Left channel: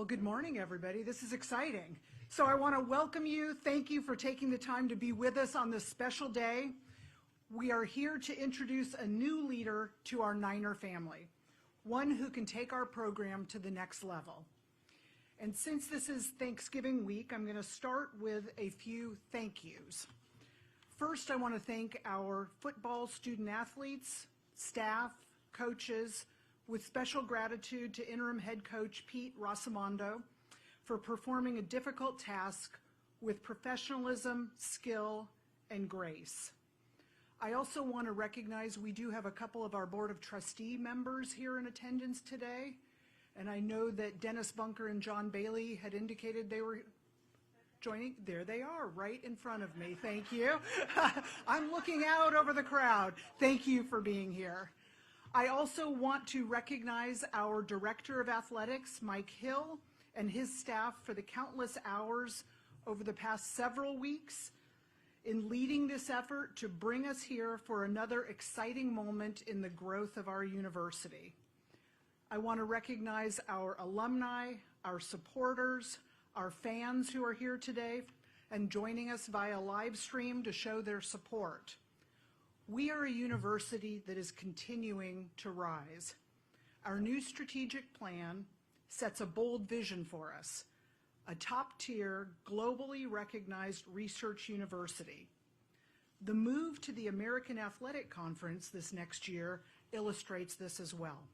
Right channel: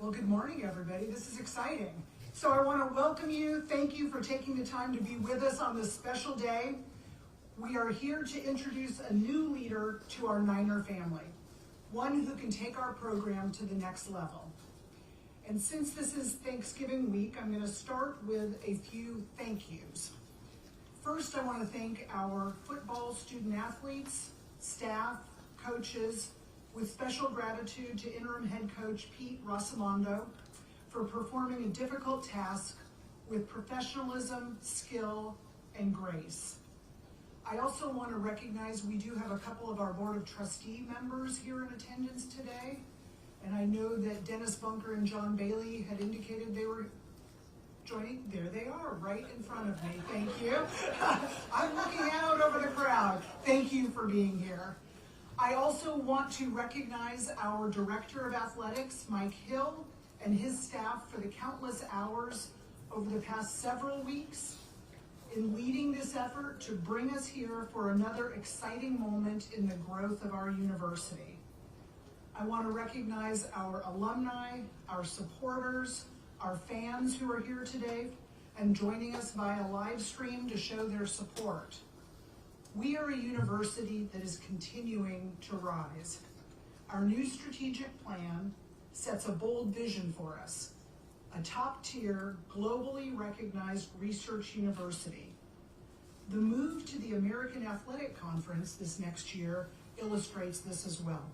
Well, good morning, everybody. This is exciting. So I want to welcome you. Thank you for taking the time to be with us on this special day. We are here to introduce a new leader to our Niner family, one who can take our program to the next level. And since this is Thanksgiving week, I'm going to start with a few thank yous. First, I want to thank our football student athletes, staff, coaches, with special gratitude to interim head coach Pete Rosamondo for performing a difficult task with professionalism, skill, and grace. I also want to recognize we do have a couple of our Board of Trustee members here in attendance today, and I know that Dennis Bunker and John Bailey had indicated they were joining. There they are, right in front of me. Thank you. I'm looking out over the crowd. Thank you for being here. I also want to recognize our Director of Athletics, Mike Hill, and his staff for the countless hours over the past several weeks in leading this effort to bring us here for another exciting moment in the growth of our university. I want to recognize our alumni, our supporters, our fans who are here today and joining us via live stream to show their support. We are a university that is continuing to rise. Our new strategic plan sets a bold vision for us, a top-tier, globally recognized research university. The move to the American Athletic Conference this next year illustrates this as well.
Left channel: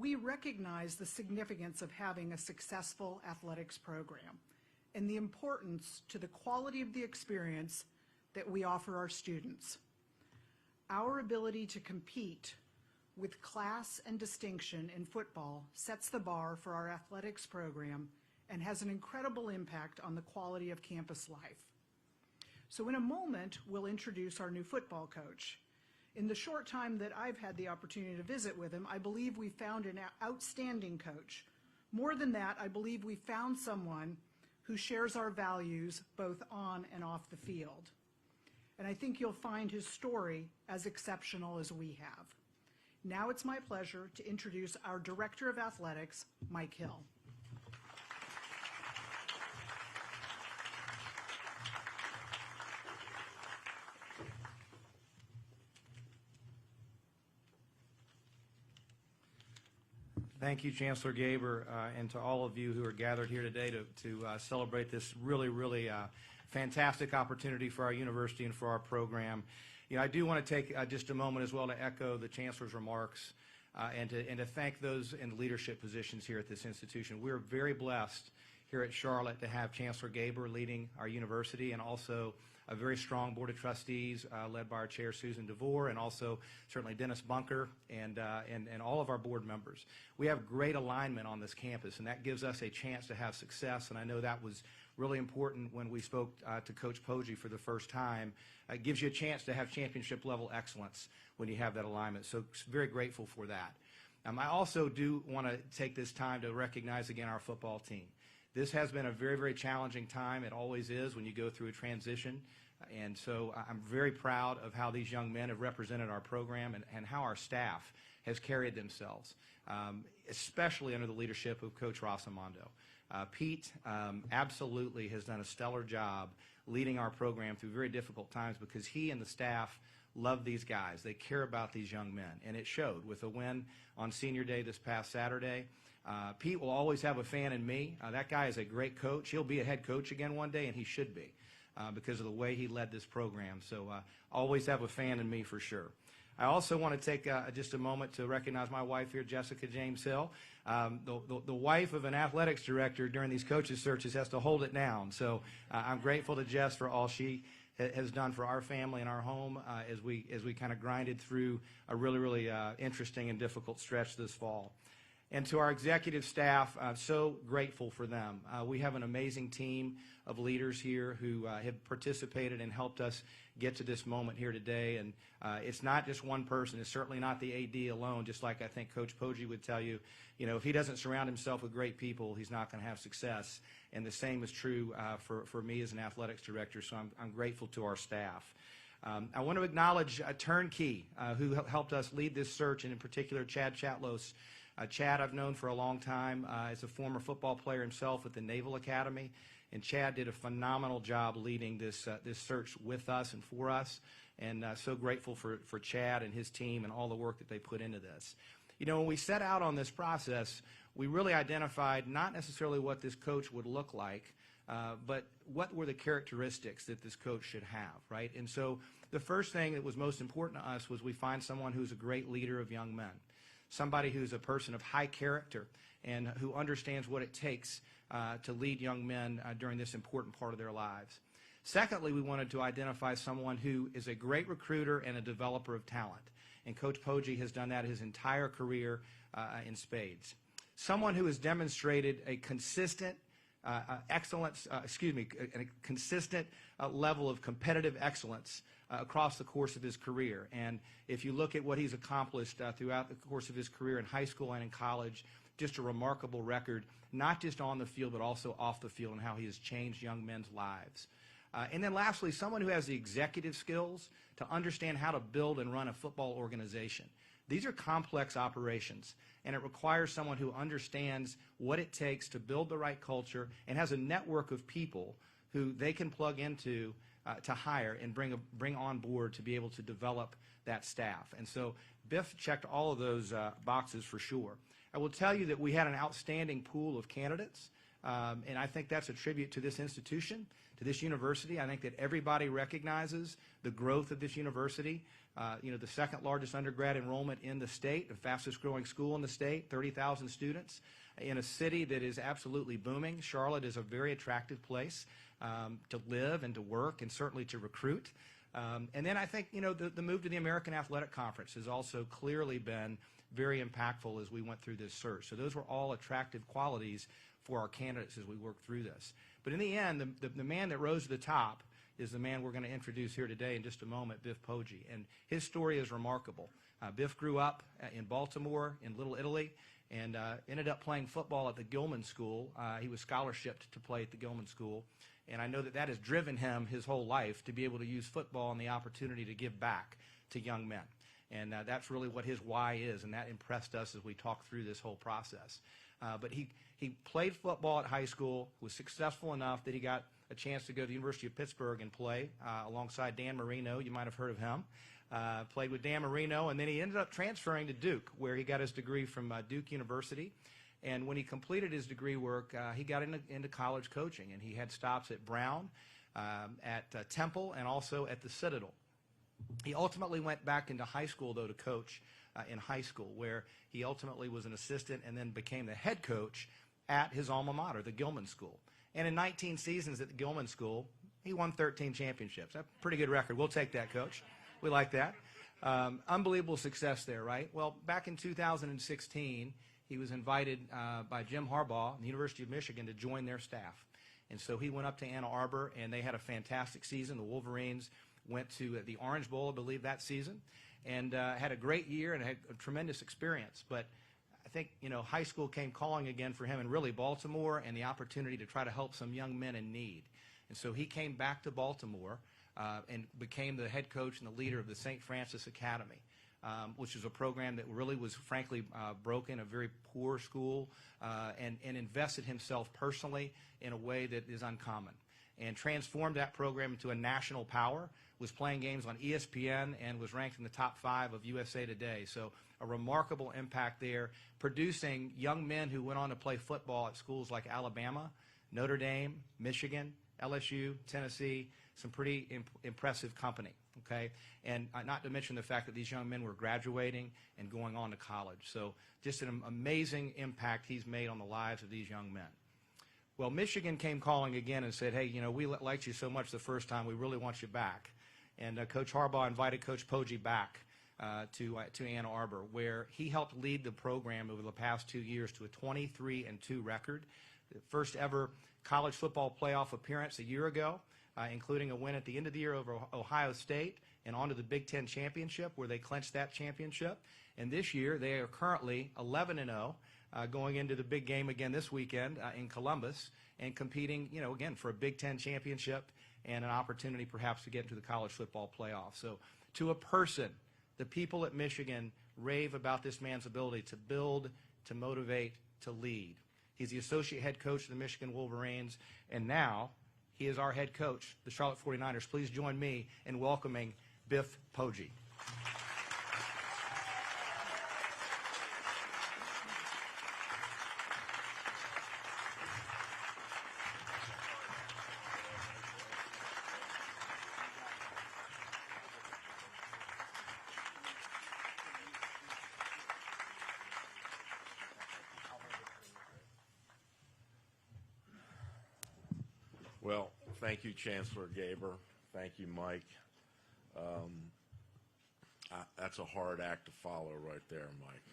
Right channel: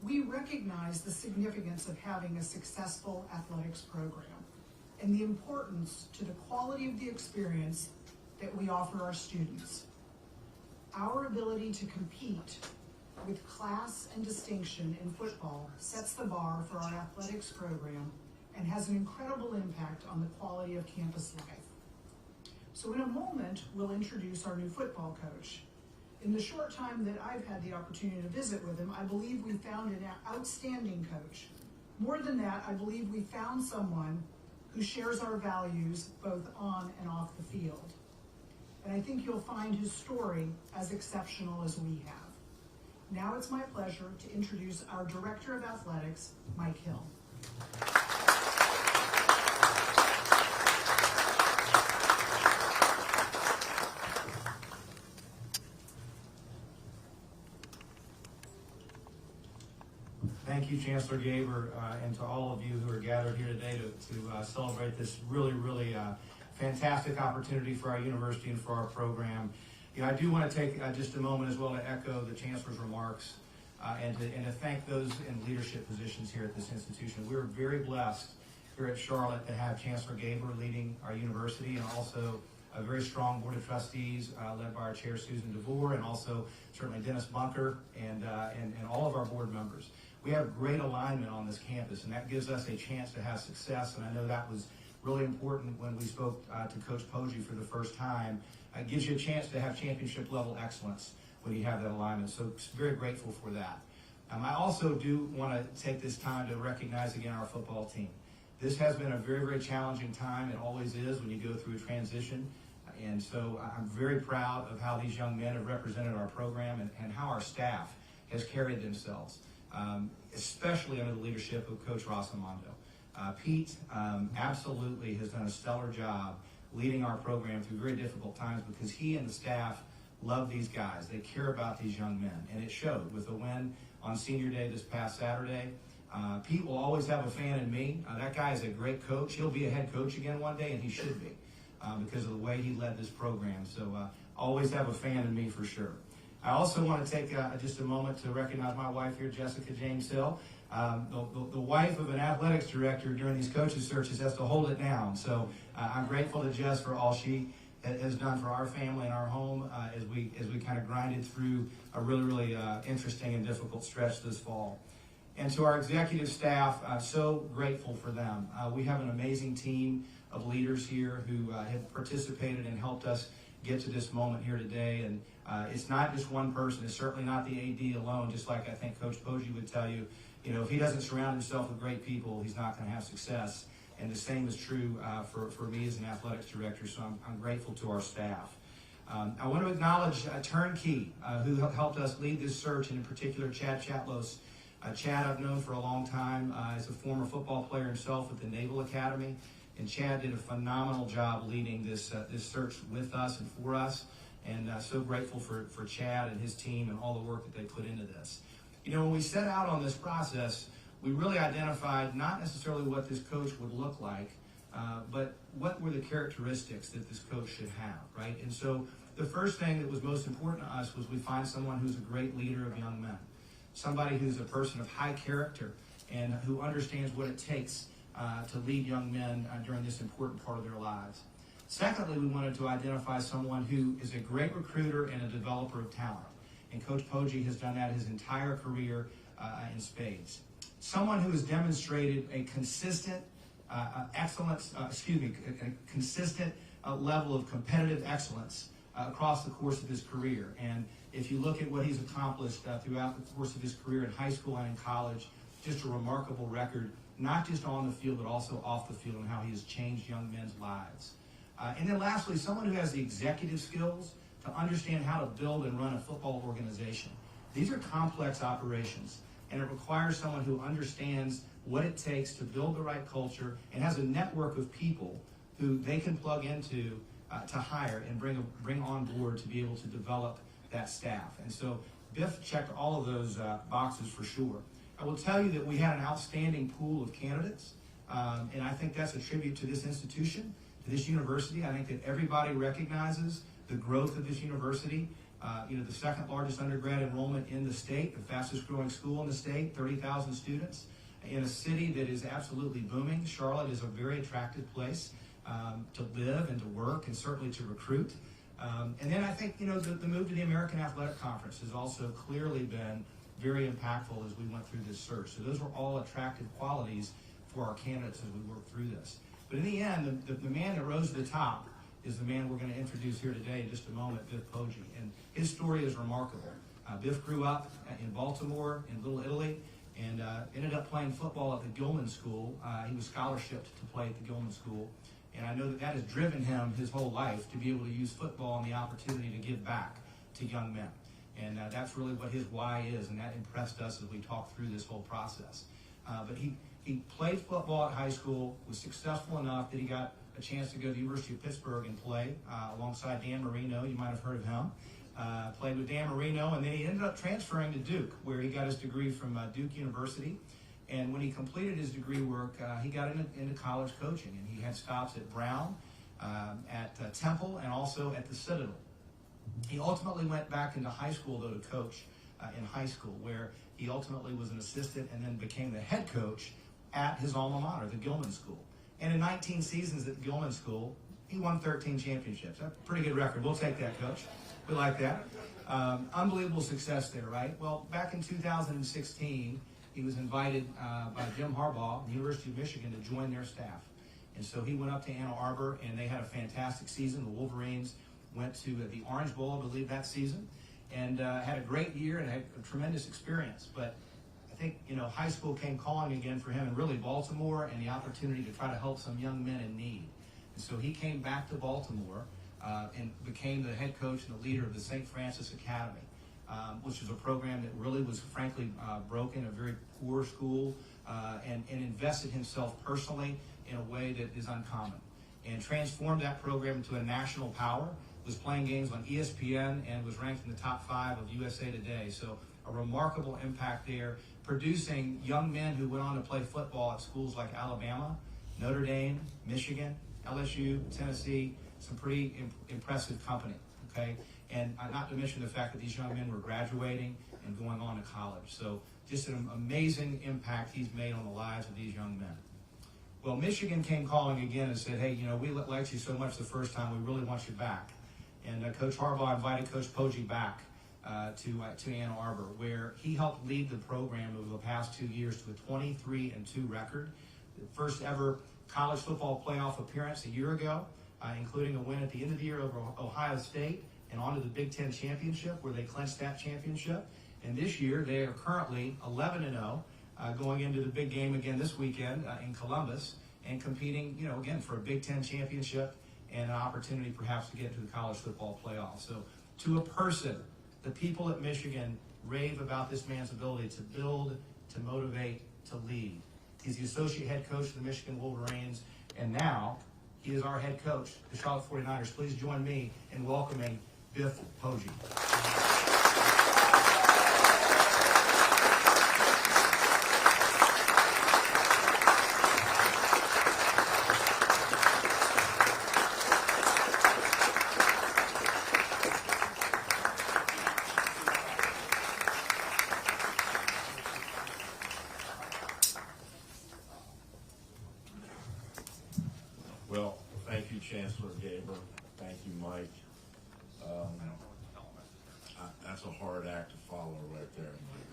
We recognize the significance of having a successful athletics program and the importance to the quality of the experience that we offer our students. Our ability to compete with class and distinction in football sets the bar for our athletics program and has an incredible impact on the quality of campus life. So in a moment, we'll introduce our new football coach. In the short time that I've had the opportunity to visit with him, I believe we found an outstanding coach. More than that, I believe we found someone who shares our values both on and off the field. And I think you'll find his story as exceptional as we have. Now it's my pleasure to introduce our Director of Athletics, Mike Hill. Thank you, Chancellor Gaber, and to all of you who are gathered here today to celebrate this really fantastic opportunity for our university and for our program. I do want to take just a moment as well to echo the Chancellor's remarks and to thank those in leadership positions here at this institution. We're very blessed here at Charlotte to have Chancellor Gaber leading our university and also a very strong Board of Trustees led by our Chair Susan DeVore and also certainly Dennis Bunker and all of our board members. We have a great alignment on this campus, and that gives us a chance to have success, and I know that was really important when we spoke to Coach Poggi for the first time. It gives you a chance to have championship-level excellence when you have that alignment, so very grateful for that. I also do want to take this time to recognize again our football team. This has been a very challenging time. It always is when you go through a transition, and so I'm very proud of how these young men have represented our program and how our staff has carried themselves. Especially under the leadership of Coach Rosamondo. Pete absolutely has done a stellar job leading our program through very difficult times because he and the staff love these guys. They care about these young men, and it showed with the win on Senior Day this past Saturday. Pete will always have a fan in me. That guy is a great coach. He'll be a head coach again one day, and he should be because of the way he led this program. So always have a fan in me for sure. I also want to take just a moment to recognize my wife here, Jessica James Hill. The wife of an athletics director during these coaching searches has to hold it down. So I'm grateful to Jess for all she has done for our family and our home as we kind of grinded through a really interesting and difficult stretch this fall. And to our executive staff, so grateful for them. We have an amazing team of leaders here who have participated and helped us get to this moment here today, and it's not just one person. It's certainly not the AD alone, just like I think Coach Poggi would tell you. If he doesn't surround himself with great people, he's not going to have success. And the same is true for me as an athletics director, so I'm grateful to our staff. I want to acknowledge Turnkey, who helped us lead this search, and in particular Chad Chaplos. Chad I've known for a long time as a former football player himself at the Naval Academy, and Chad did a phenomenal job leading this search with us and for us, and so grateful for Chad and his team and all the work that they put into this. You know, when we set out on this process, we really identified not necessarily what this coach would look like, but what were the characteristics that this coach should have, right? And so the first thing that was most important to us was we find someone who's a great leader of young men, somebody who's a person of high character and who understands what it takes to lead young men during this important part of their lives. Secondly, we wanted to identify someone who is a great recruiter and a developer of talent. And Coach Poggi has done that his entire career in spades. Someone who has demonstrated a consistent consistent level of competitive excellence across the course of his career. And if you look at what he's accomplished throughout the course of his career in high school and in college, just a remarkable record, not just on the field, but also off the field, and how he has changed young men's lives. And then lastly, someone who has the executive skills to understand how to build and run a football organization. These are complex operations, and it requires someone who understands what it takes to build the right culture and has a network of people who they can plug into to hire and bring on board to be able to develop that staff. And so Biff checked all of those boxes for sure. I will tell you that we had an outstanding pool of candidates, and I think that's a tribute to this institution, to this university. I think that everybody recognizes the growth of this university. The second largest undergrad enrollment in the state, the fastest growing school in the state, 30,000 students, in a city that is absolutely booming. Charlotte is a very attractive place to live and to work and certainly to recruit. And then I think, the move to the American Athletic Conference has also clearly been very impactful as we went through this search. So those were all attractive qualities for our candidates as we worked through this. But in the end, the man that rose to the top is the man we're going to introduce here today in just a moment, Biff Poggi. And his story is remarkable. Biff grew up in Baltimore, in Little Italy, and ended up playing football at the Gilman School. He was scholarshiped to play at the Gilman School. And I know that has driven him his whole life to be able to use football and the opportunity to give back to young men. And that's really what his why is, and that impressed us as we talked through this whole process. But he played football at high school, was successful enough that he got a chance to go to the University of Pittsburgh and play alongside Dan Marino. You might have heard of him. Played with Dan Marino, and then he ended up transferring to Duke, where he got his degree from Duke University. And when he completed his degree work, he got into college coaching, and he had stops at Brown, at Temple, and also at the Citadel. He ultimately went back into high school, though, to coach in high school, where he ultimately was an assistant and then became the head coach at his alma mater, the Gilman School. And in 19 seasons at the Gilman School, he won 13 championships. That's a pretty good record. We'll take that, Coach. We like that. Unbelievable success there, right? Well, back in 2016, he was invited by Jim Harbaugh, the University of Michigan, to join their staff. And so he went up to Ann Arbor, and they had a fantastic season. The Wolverines went to the Orange Bowl, I believe, that season, and had a great year and had a tremendous experience. But I think, high school came calling again for him, and really Baltimore, and the opportunity to try to help some young men in need. And so he came back to Baltimore and became the head coach and the leader of the St. Francis Academy, which is a program that really was, frankly, broken, a very poor school, and invested himself personally in a way that is uncommon, and transformed that program to a national power, was playing games on ESPN, and was ranked in the top 5 of USA Today. So a remarkable impact there, producing young men who went on to play football at schools like Alabama, Notre Dame, Michigan, LSU, Tennessee, some pretty impressive company, okay? And not to mention the fact that these young men were graduating and going on to college. So just an amazing impact he's made on the lives of these young men. Well, Michigan came calling again and said, hey, we liked you so much the first time, we really want you back. And Coach Harbaugh invited Coach Poggi back to Ann Arbor, where he helped lead the program over the past 2 years to a 23-2 record. The first ever college football playoff appearance a year ago, including a win at the end of the year over Ohio State and on to the Big Ten Championship, where they clinched that championship. And this year, they are currently 11-0, going into the big game again this weekend in Columbus, and competing, again, for a Big Ten Championship and an opportunity perhaps to get to the college football playoff. So to a person, the people at Michigan rave about this man's ability to build, to motivate, to lead. He's the associate head coach of the Michigan Wolverines, and now he is our head coach, the Charlotte 49ers. Please join me in welcoming Biff Poggi. Well, thank you, Chancellor Gaber. Thank you, Mike. That's a hard act to follow right there, Mike.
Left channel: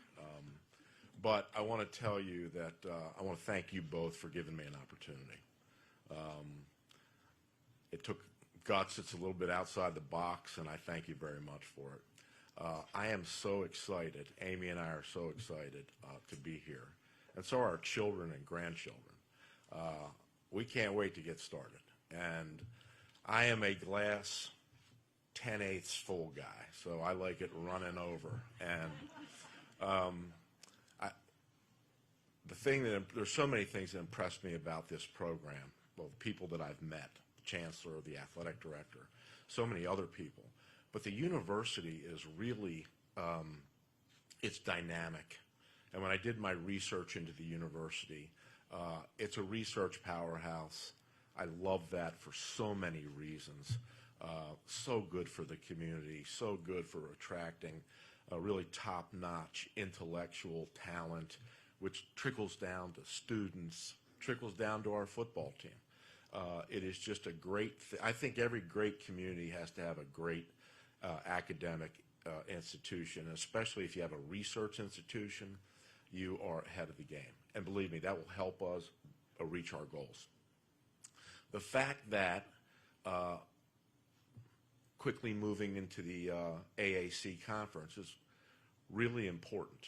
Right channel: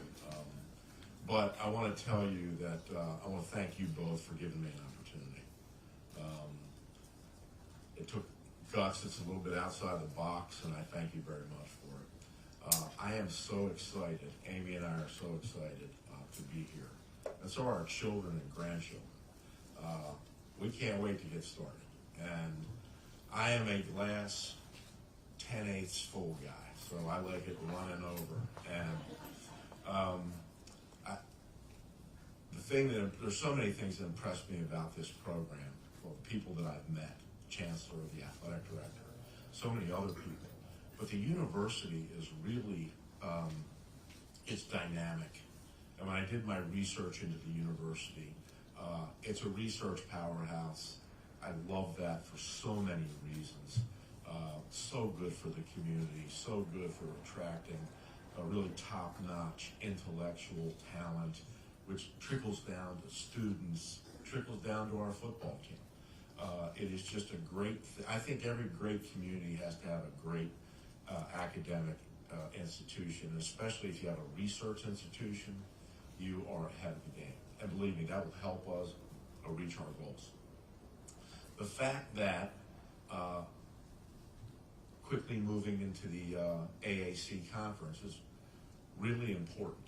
But I want to tell you that I want to thank you both for giving me an opportunity. It took guts. It's a little bit outside the box, and I thank you very much for it. I am so excited. Amy and I are so excited to be here. And so are our children and grandchildren. We can't wait to get started. And I am a glass 10/8 full guy, so I like it running over. And there's so many things that impressed me about this program. Well, people that I've met, Chancellor, the athletic director, so many other people. But the university is really is dynamic. And when I did my research into the university, it's a research powerhouse. I love that for so many reasons. So good for the community, so good for attracting a really top-notch intellectual talent, which trickles down to students, trickles down to our football team. It is just a great I think every great community has to have a great academic institution, especially if you have a research institution, you are ahead of the game. And believe me, that will help us reach our goals. The fact that quickly moving into the AAC conference is really important.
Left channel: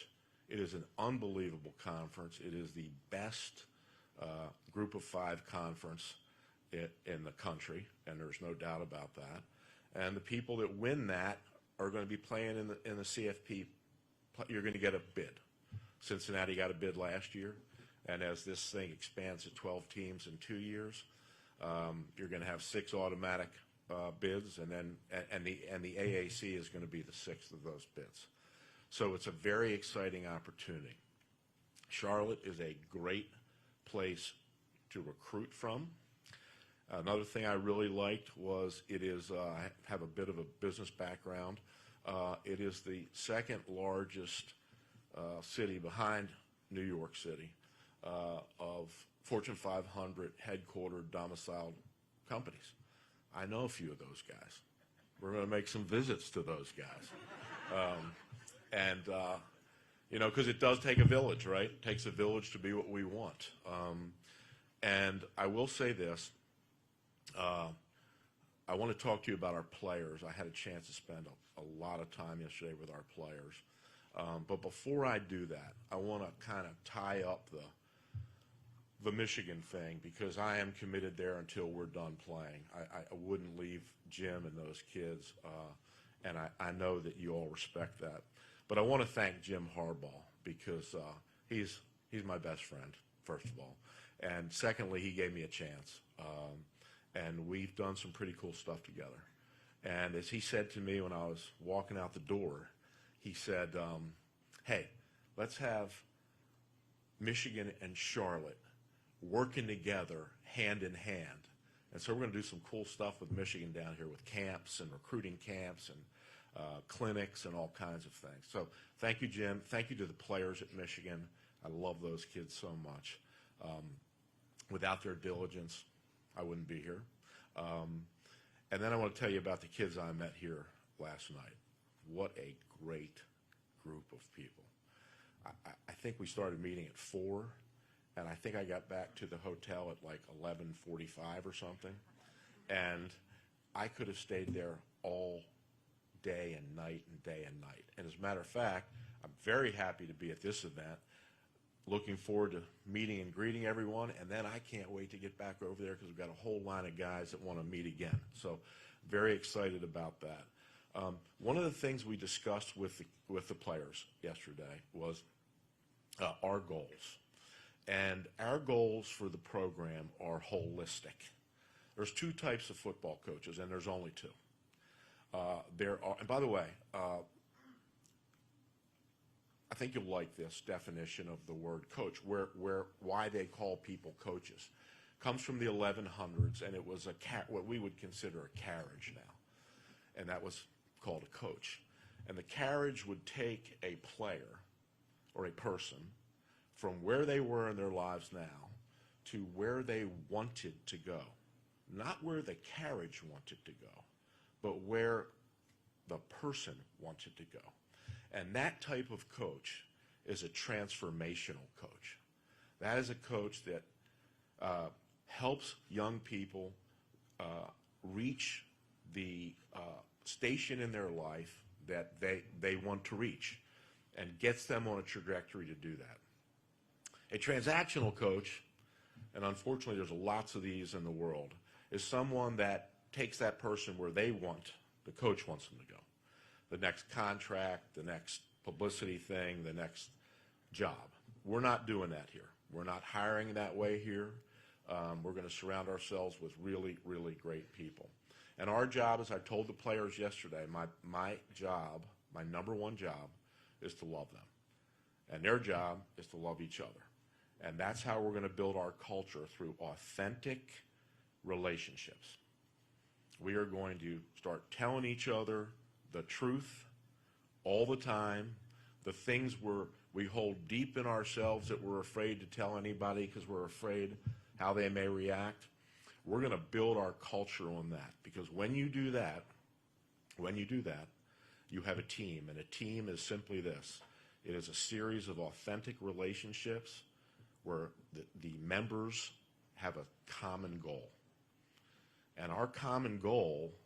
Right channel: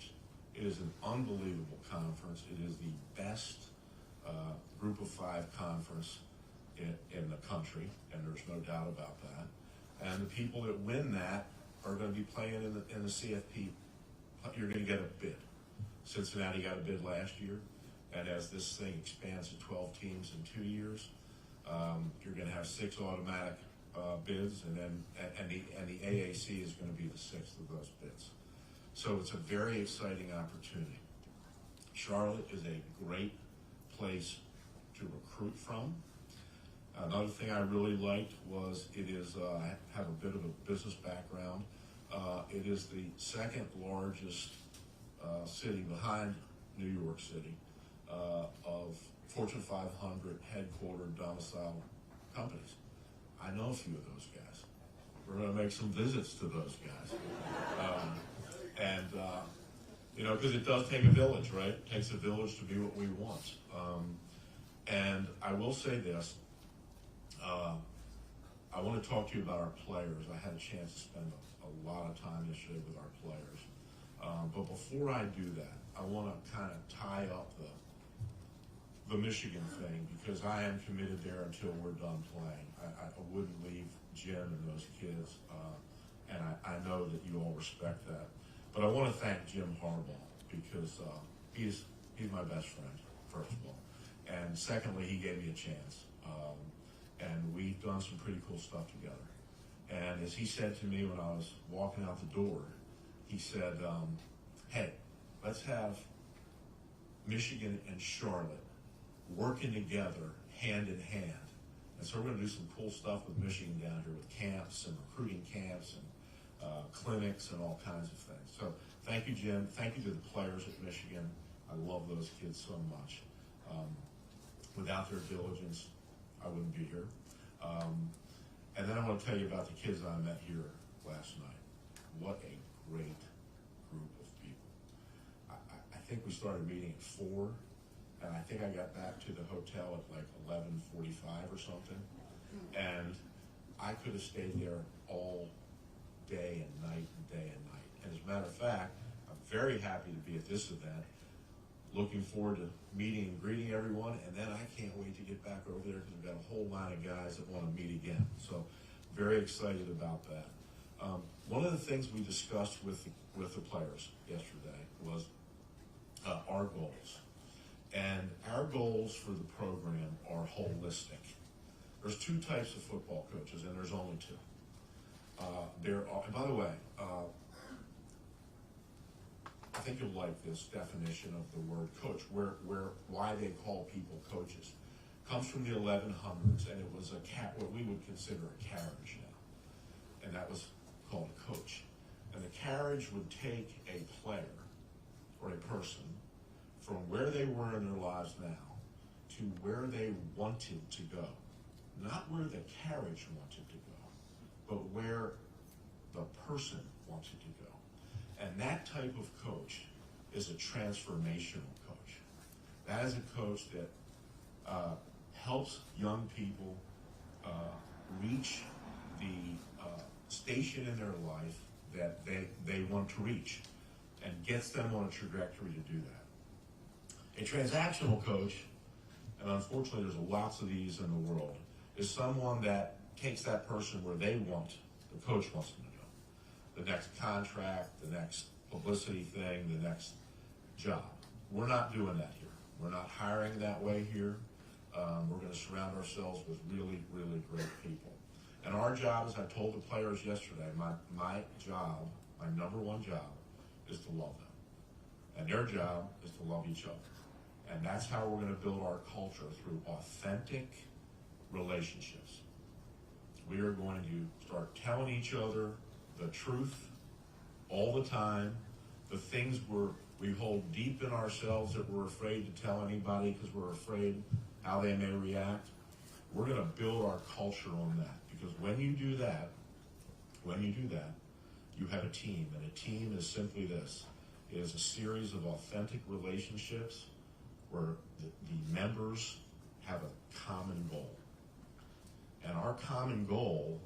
It is an unbelievable conference. It is the best group of 5 conference in the country, and there's no doubt about that. And the people that win that are going to be playing in the CFP. You're going to get a bid. Cincinnati got a bid last year. And as this thing expands to 12 teams in 2 years, you're going to have 6 automatic bids, and the AAC is going to be the 6th of those bids. So it's a very exciting opportunity. Charlotte is a great place to recruit from. Another thing I really liked was it is I have a bit of a business background. It is the 2nd largest city behind New York City of Fortune 500 headquartered domiciled companies. I know a few of those guys. We're going to make some visits to those guys. Because it does take a village, right? It takes a village to be what we want. And I will say this. I want to talk to you about our players. I had a chance to spend a lot of time this year with our players. But before I do that, I want to kind of tie up the Michigan thing, because I am committed there until we're done playing. I wouldn't leave Jim and those kids, and I know that you all respect that. But I want to thank Jim Harbaugh, because he's my best friend, first of all. And secondly, he gave me a chance. And we've done some pretty cool stuff together. And as he said to me when I was walking out the door, he said, hey, let's have Michigan and Charlotte working together hand in hand. And so we're going to do some cool stuff with Michigan down here with camps and recruiting camps and clinics and all kinds of things. So thank you, Jim. Thank you to the players at Michigan. I love those kids so much. Without their diligence, I wouldn't be here. And then I want to tell you about the kids I met here last night. What a great group of people. I think we started meeting at 4, and I think I got back to the hotel at like 11:45 or something. And I could have stayed there all day and night and day and night. And as a matter of fact, I'm very happy to be at this event. Looking forward to meeting and greeting everyone, and then I can't wait to get back over there because we've got a whole line of guys that want to meet again. So very excited about that. One of the things we discussed with the players yesterday was our goals. And our goals for the program are holistic. There's two types of football coaches, and there's only two. By the way, I think you'll like this definition of the word coach, why they call people coaches. Comes from the 1100s, and it was what we would consider a carriage now, and that was called a coach. And the carriage would take a player or a person from where they were in their lives now to where they wanted to go. Not where the carriage wanted to go, but where the person wanted to go. And that type of coach is a transformational coach. That is a coach that helps young people reach the station in their life that they want to reach and gets them on a trajectory to do that. A transactional coach, and unfortunately there's lots of these in the world, is someone that takes that person where they want, the coach wants them to go. The next contract, the next publicity thing, the next job. We're not doing that here. We're not hiring that way here. We're going to surround ourselves with really, really great people. And our job, as I told the players yesterday, my job, my number one job, is to love them. And their job is to love each other. And that's how we're going to build our culture, through authentic relationships. We are going to start telling each other the truth all the time, the things we hold deep in ourselves that we're afraid to tell anybody because we're afraid how they may react. We're going to build our culture on that, because when you do that, you have a team, and a team is simply this. It is a series of authentic relationships where the members have a common goal. And our common goal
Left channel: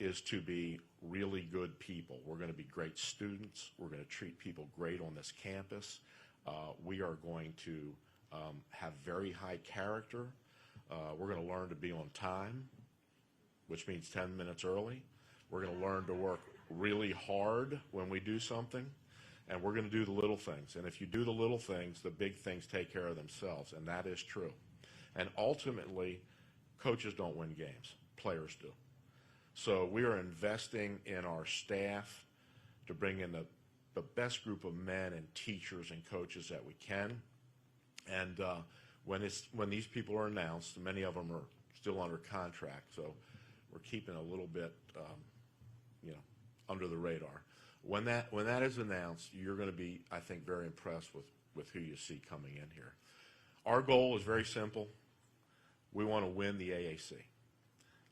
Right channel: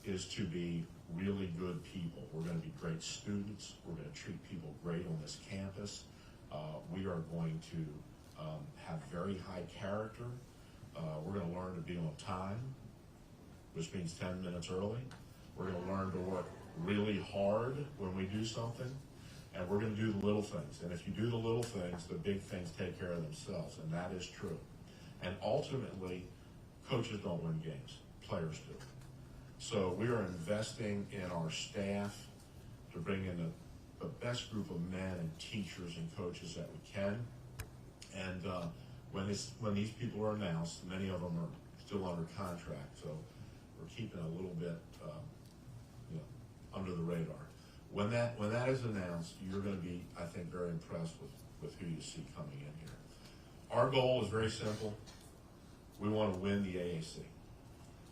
is to be really good people. We're going to be great students. We're going to treat people great on this campus. We are going to have very high character. We're going to learn to be on time, which means 10 minutes early. We're going to learn to work really hard when we do something. And we're going to do the little things. And if you do the little things, the big things take care of themselves. And that is true. And ultimately, coaches don't win games. Players do. So we are investing in our staff to bring in the best group of men and teachers and coaches that we can. And when these people are announced, many of them are still under contract. So we're keeping a little bit under the radar. When that is announced, you're going to be, I think, very impressed with who you see coming in here. Our goal is very simple. We want to win the AAC,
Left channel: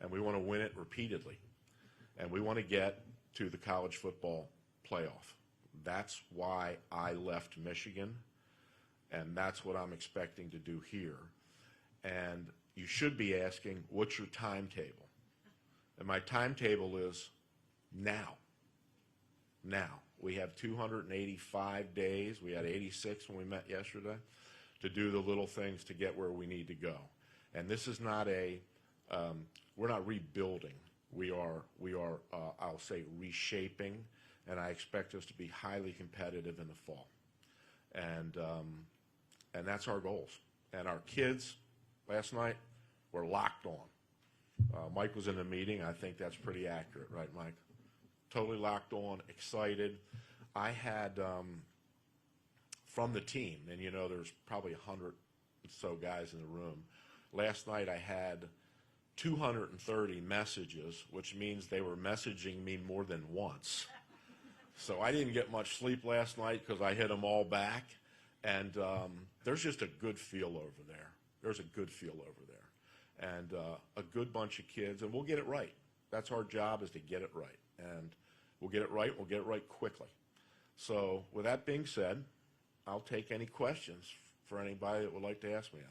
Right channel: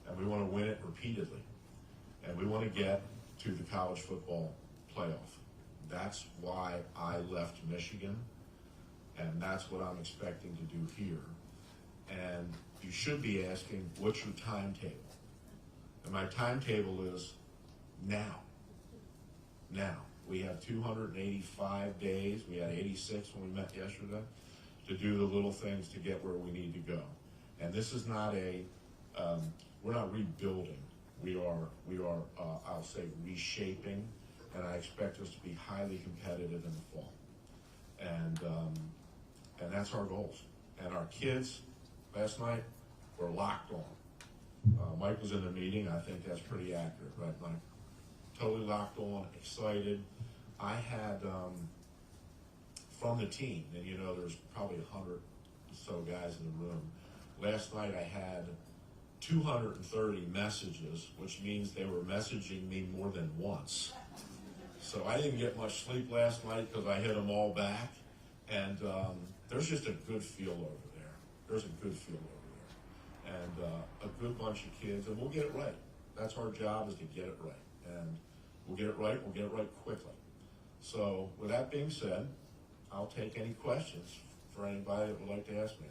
and we want to win it repeatedly, and we want to get to the college football playoff. That's why I left Michigan, and that's what I'm expecting to do here. And you should be asking, what's your timetable? And my timetable is now. Now. We have 285 days. We had 86 when we met yesterday to do the little things to get where we need to go. And this is not we're not rebuilding. We are I'll say reshaping, and I expect us to be highly competitive in the fall. And that's our goals. And our kids last night were locked on. Mike was in a meeting. I think that's pretty accurate, right, Mike? Totally locked on, excited. I had from the team, and there's probably 100 or so guys in the room. Last night I had 230 messages, which means they were messaging me more than once. So I didn't get much sleep last night because I hit them all back. And there's just a good feel over there. There's a good feel over there. And a good bunch of kids, and we'll get it right. That's our job, is to get it right. And we'll get it right, we'll get it right quickly. So with that being said, I'll take any questions for anybody that would like to ask me.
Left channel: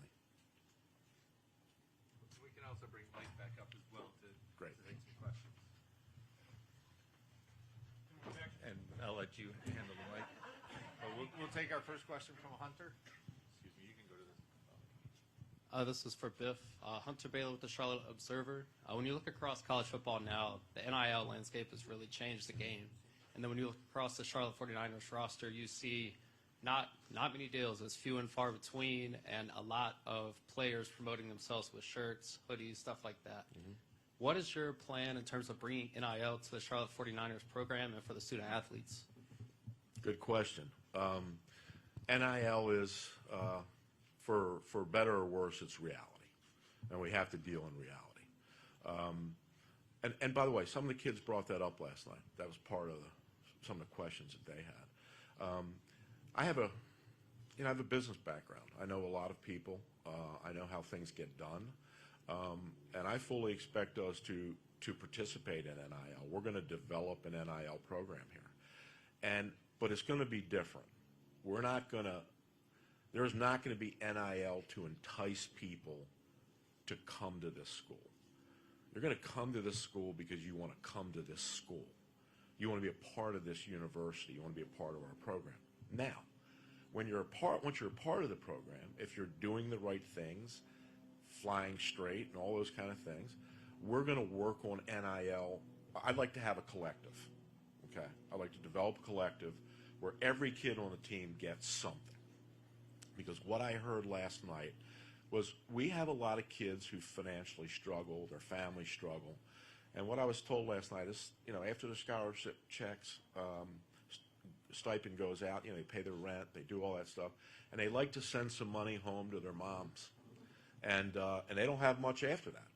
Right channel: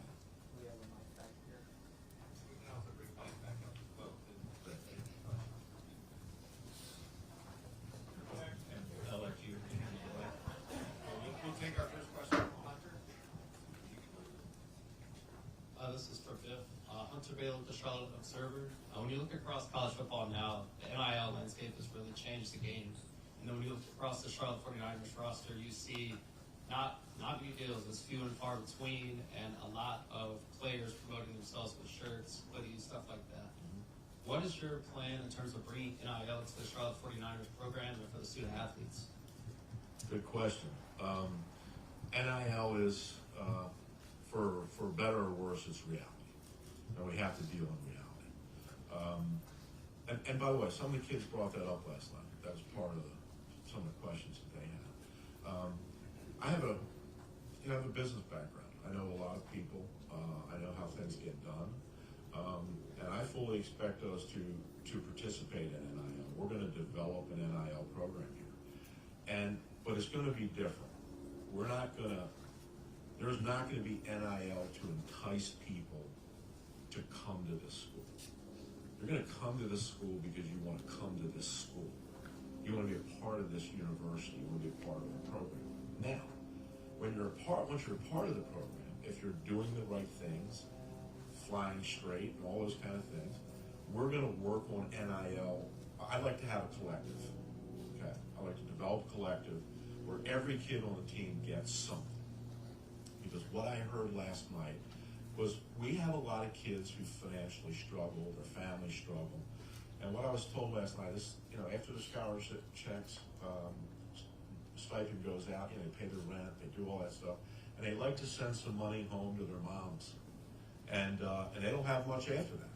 This is for Biff. Hunter Baylor with the Charlotte Observer. When you look across college football now, the NIL landscape has really changed the game. And then when you look across the Charlotte 49ers roster, you see not not many deals, and it's few and far between, and a lot of players promoting themselves with shirts, hoodies, stuff like that. What is your plan in terms of bringing NIL to the Charlotte 49ers program and for the student athletes? Good question. NIL is, for better or worse, it's reality, and we have to deal in reality. And by the way, some of the kids brought that up last night. That was part of some of the questions that they had. I have a business background. I know a lot of people. I know how things get done, and I fully expect us to participate in NIL. We're going to develop an NIL program here, but it's going to be different. There's not going to be NIL to entice people to come to this school. You're going to come to this school because you want to come to this school. You want to be a part of this university. You want to be a part of our program. Now, once you're a part of the program, if you're doing the right things, flying straight and all those kind of things, we're going to work on NIL. I'd like to have a collective. Okay, I'd like to develop a collective where every kid on the team gets something. Because what I heard last night was we have a lot of kids who financially struggle, their families struggle. And what I was told last night is, after the scholarship checks, stipend goes out, they pay their rent, they do all that stuff, and they like to send some money home to their moms. And they don't have much after that.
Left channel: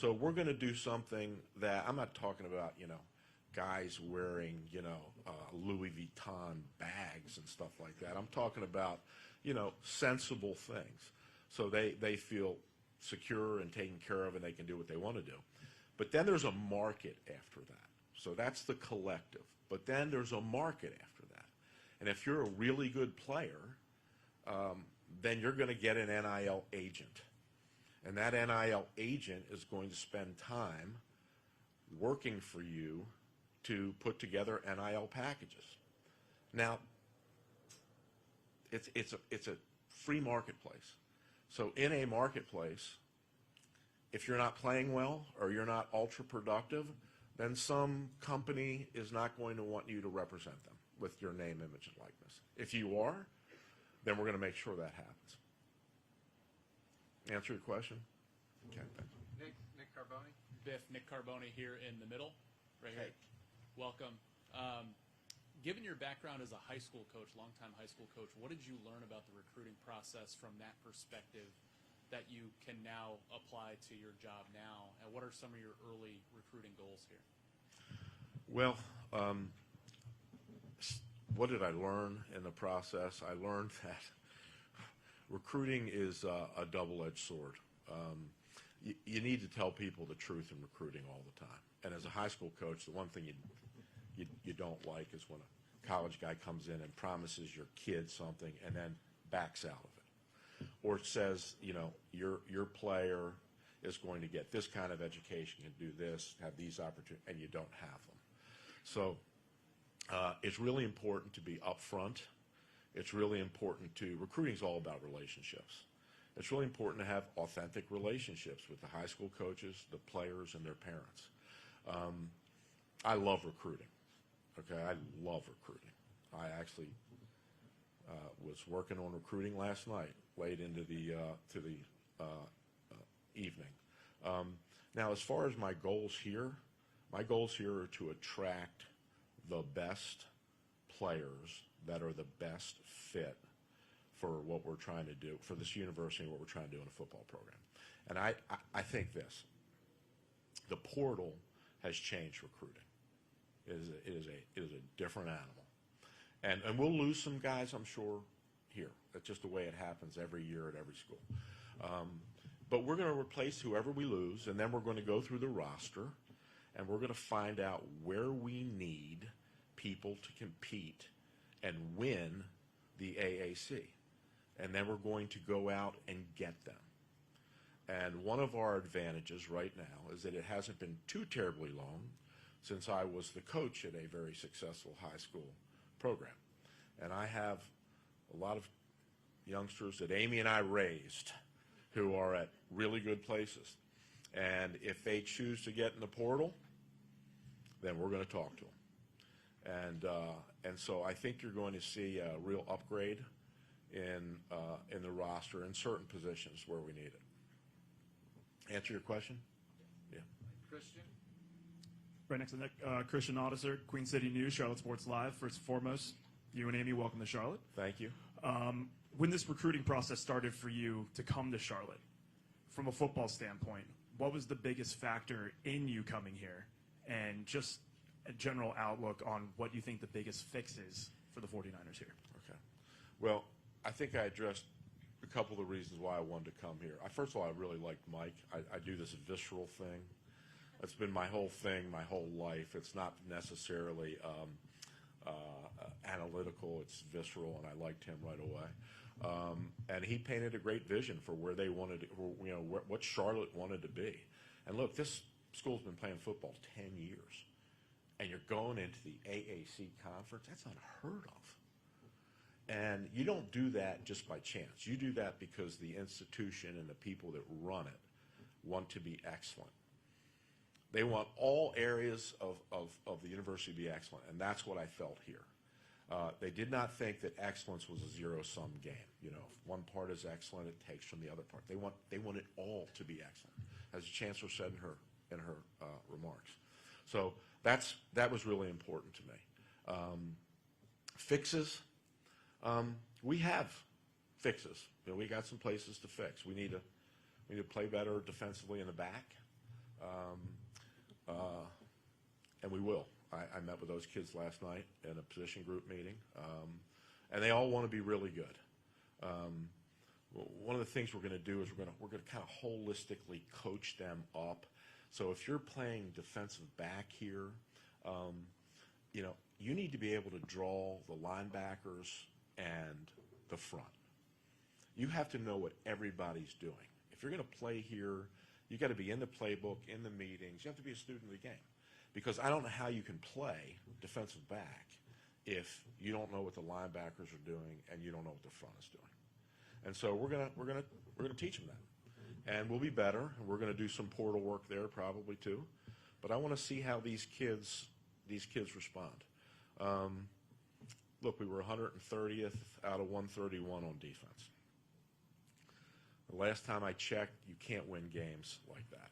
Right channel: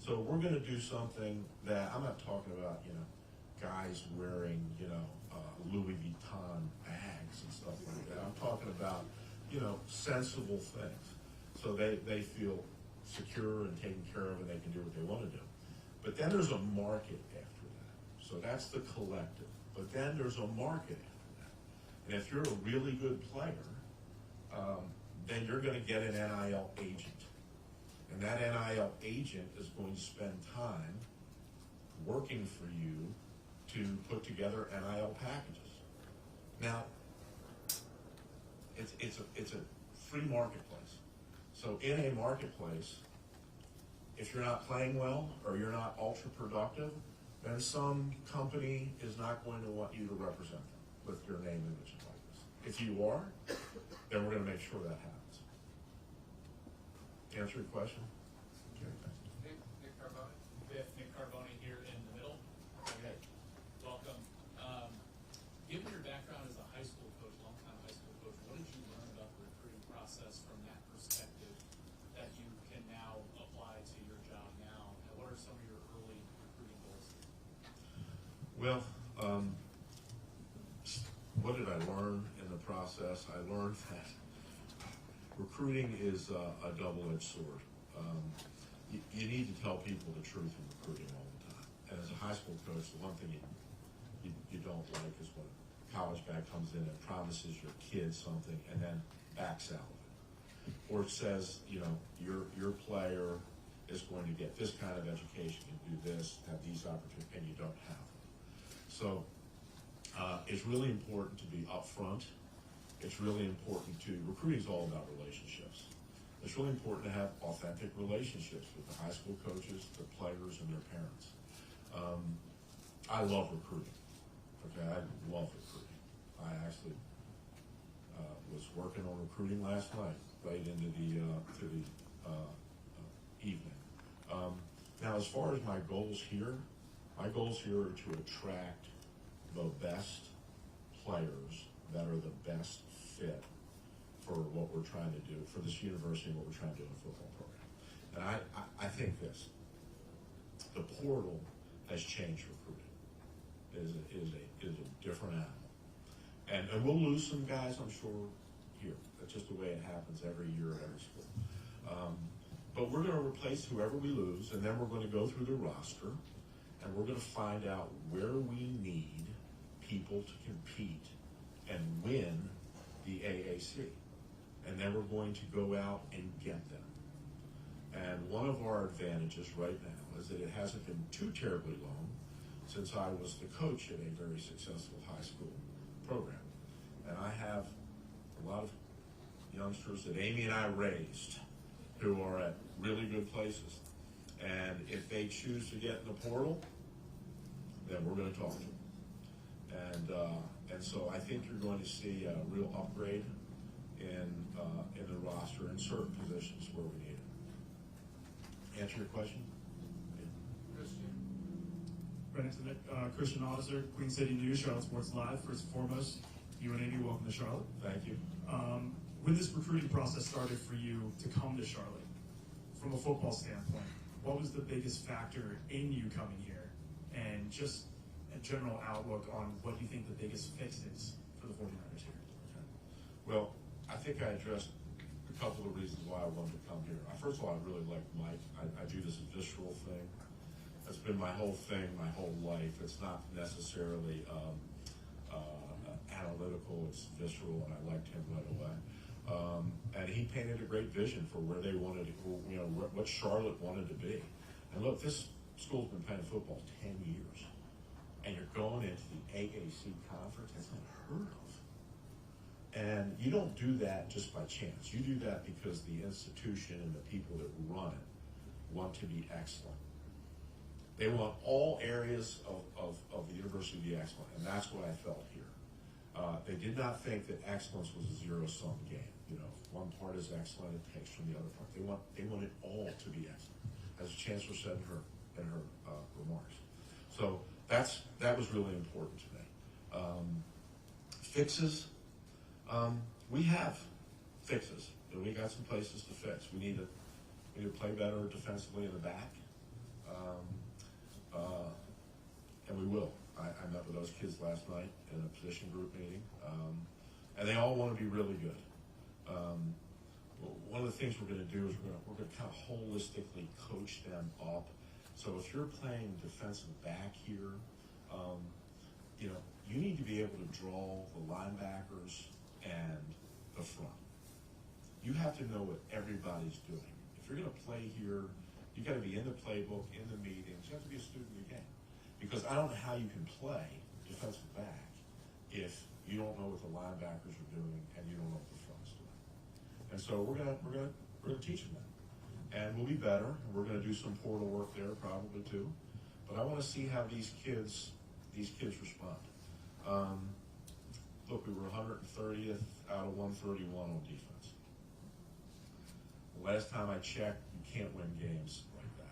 So we're going to do something that, I'm not talking about, guys wearing, Louis Vuitton bags and stuff like that. I'm talking about, sensible things. So they feel secure and taken care of and they can do what they want to do. But then there's a market after that. So that's the collective. But then there's a market after that. And if you're a really good player, then you're going to get an NIL agent. And that NIL agent is going to spend time working for you to put together NIL packages. Now, it's a free marketplace. So in a marketplace, if you're not playing well or you're not ultra productive, then some company is not going to want you to represent them with your name, image, and likeness. If you are, then we're going to make sure that happens. Answer your question? Nick Carboni. Biff, Nick Carboni here in the middle. Okay, welcome. Given your background as a high school coach, longtime high school coach, what did you learn about the recruiting process from that perspective that you can now apply to your job now? And what are some of your early recruiting goals here? Well, what did I learn in the process? I learned that recruiting is a double-edged sword. You need to tell people the truth in recruiting all the time. And as a high school coach, the one thing you don't like is when a college guy comes in and promises your kid something and then backs out of it. Or it says, your player is going to get this kind of education and do this, have these opportunities, and you don't have them. So it's really important to be upfront. It's really important recruiting is all about relationships. It's really important to have authentic relationships with the high school coaches, the players, and their parents. I love recruiting. Okay, I love recruiting. I actually was working on recruiting last night, late into the evening. Now, as far as my goals here are to attract the best players that are the best fit for what we're trying to do, for this university and what we're trying to do in a football program. And I think this, the portal has changed recruiting. It is a different animal. And we'll lose some guys, I'm sure, here. That's just the way it happens every year at every school. But we're going to replace whoever we lose, and then we're going to go through the roster, and we're going to find out where we need people to compete and win the AAC. And then we're going to go out and get them. And one of our advantages right now is that it hasn't been too terribly long since I was the coach at a very successful high school program. And I have a lot of youngsters that Amy and I raised who are at really good places. And if they choose to get in the portal, then we're going to talk to them. And so I think you're going to see a real upgrade in the roster in certain positions where we need it. Answer your question? Christian Officer, Queen City News, Charlotte Sports Live. First and foremost, you and Amy, welcome to Charlotte. Thank you. When this recruiting process started for you to come to Charlotte, from a football standpoint, what was the biggest factor in you coming here? And just a general outlook on what you think the biggest fix is for the 49ers here. Okay. Well, I think I addressed a couple of reasons why I wanted to come here. First of all, I really like Mike. I do this visceral thing. That's been my whole thing, my whole life. It's not necessarily analytical, it's visceral. I liked him right away. And he painted a great vision for where they wanted to, what Charlotte wanted to be. And look, this school's been playing football 10 years. And you're going into the AAC conference. That's unheard of. And you don't do that just by chance. You do that because the institution and the people that run it want to be excellent. They want all areas of the university to be excellent, and that's what I felt here. They did not think that excellence was a zero-sum game. If one part is excellent, it takes from the other part. They want it all to be excellent, as the chancellor said in her remarks. So that was really important to me. Fixes, we have fixes. We got some places to fix. We need to play better defensively in the back. And we will. I met with those kids last night in a position group meeting, and they all want to be really good. One of the things we're going to do is we're going to kind of holistically coach them up. So if you're playing defensive back here, you need to be able to draw the linebackers and the front. You have to know what everybody's doing. If you're going to play here, you got to be in the playbook, in the meetings. You have to be a student of the game. Because I don't know how you can play defensive back if you don't know what the linebackers are doing and you don't know what the front's doing. And so we're gonna teach them that, and we'll be better. We're gonna do some portal work there probably too, but I want to see how these kids respond. Look, we were 130th out of 131 on defense. The last time I checked, you can't win games like that.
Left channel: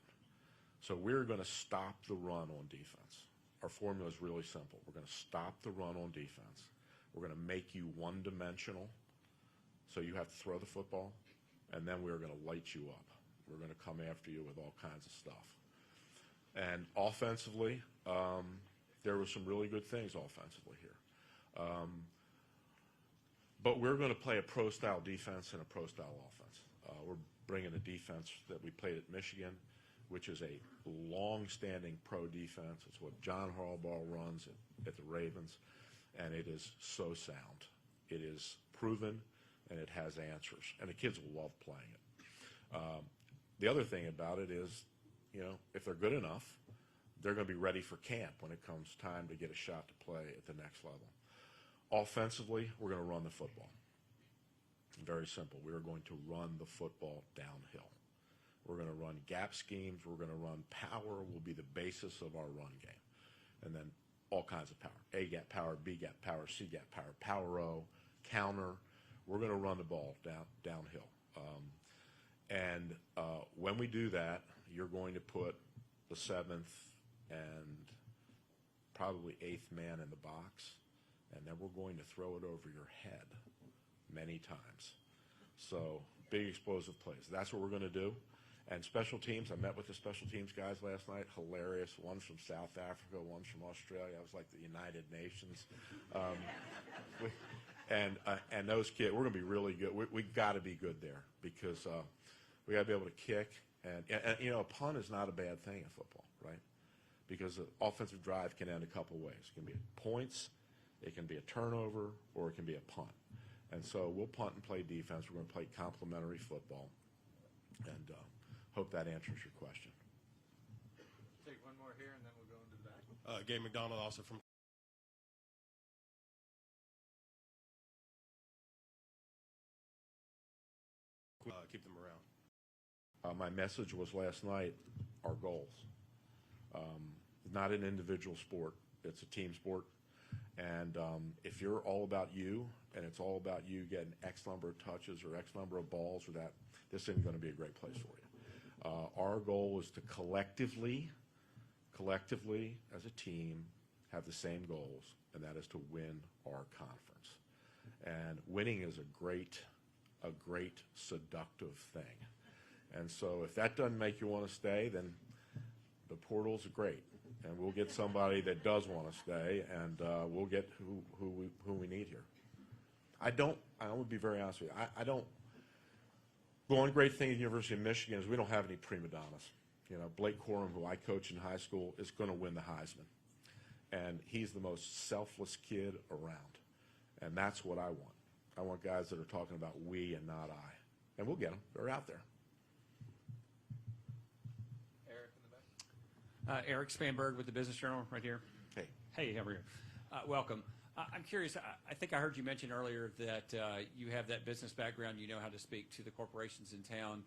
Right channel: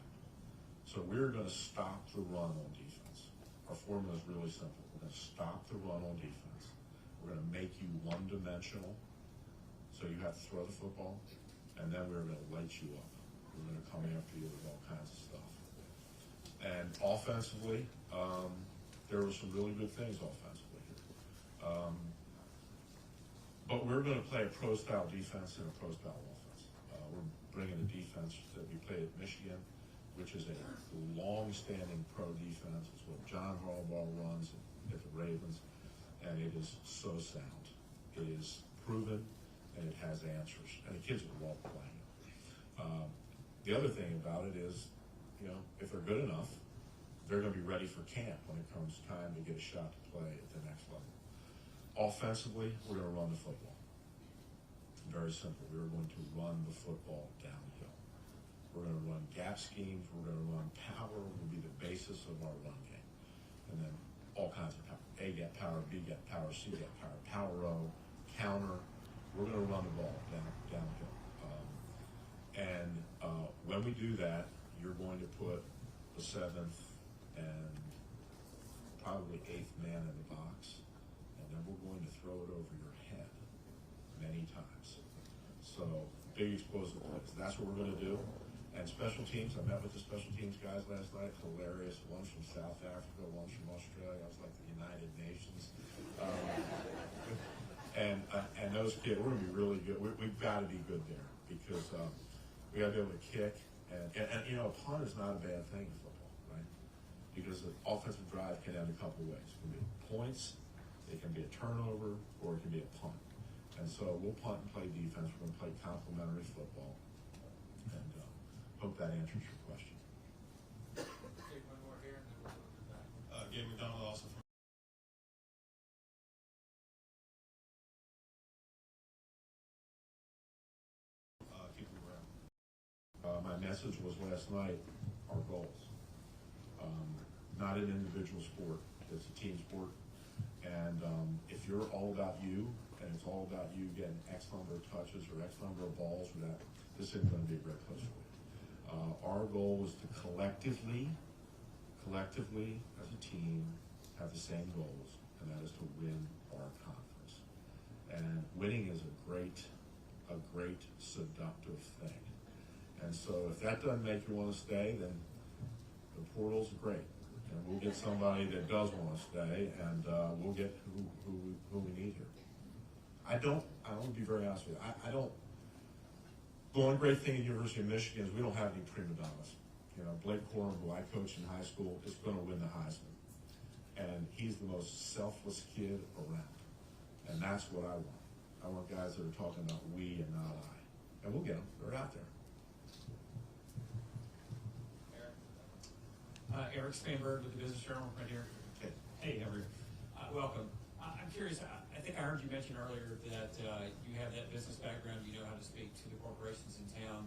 So we're going to stop the run on defense. Our formula is really simple. We're going to stop the run on defense. We're going to make you one-dimensional, so you have to throw the football, and then we're going to light you up. We're going to come after you with all kinds of stuff. And offensively, there were some really good things offensively here. But we're going to play a pro-style defense and a pro-style offense. We're bringing a defense that we played at Michigan, which is a long-standing pro defense. It's what John Harbaugh runs at the Ravens, and it is so sound. It is proven, and it has answers, and the kids will love playing it. The other thing about it is, if they're good enough, they're going to be ready for camp when it comes time to get a shot to play at the next level. Offensively, we're going to run the football. Very simple. We're going to run the football downhill. We're going to run gap schemes. We're going to run power. Will be the basis of our run game. And then all kinds of power. A gap power, B gap power, C gap power, power row, counter. We're going to run the ball downhill. When we do that, you're going to put the 7th and probably 8th man in the box, and then we're going to throw it over your head many times. So big explosive plays. That's what we're going to do. And special teams, I met with the special teams guys last night. Hilarious. One's from South Africa, one's from Australia. It was like the United Nations. And those kids, we're going to be really good. We've got to be good there because we got to be able to kick. And a punt is not a bad thing in football, right? Because the offensive drive can end a couple ways. It can be points, it can be a turnover, or it can be a punt. And so we'll punt and play defense. We're going to play complementary football. And hope that answers your question. Take one more here, and then we'll go to that. Gabe McDonald, also from keep them around. My message was last night, our goals. Not an individual sport, it's a team sport. And if you're all about you, and it's all about you getting excellent X number of touches or X number of balls or that, this isn't going to be a great place for you. Our goal is to collectively, as a team, have the same goals, and that is to win our conference. And winning is a great seductive thing. And so if that doesn't make you want to stay, then the portal's great. And we'll get somebody that does want to stay, and we'll get who we need here. I will be very honest with you. I don't, the one great thing at the University of Michigan is we don't have any prima donnas. You know, Blake Corum, who I coached in high school, is going to win the Heisman. And he's the most selfless kid around. And that's what I want. I want guys that are talking about we and not I. And we'll get them. They're out there. Eric Spanberg with the Business Journal, right here. Hey, how are you? Welcome. I'm curious. I think I heard you mention earlier that you have that business background. You know how to speak to the corporations in town.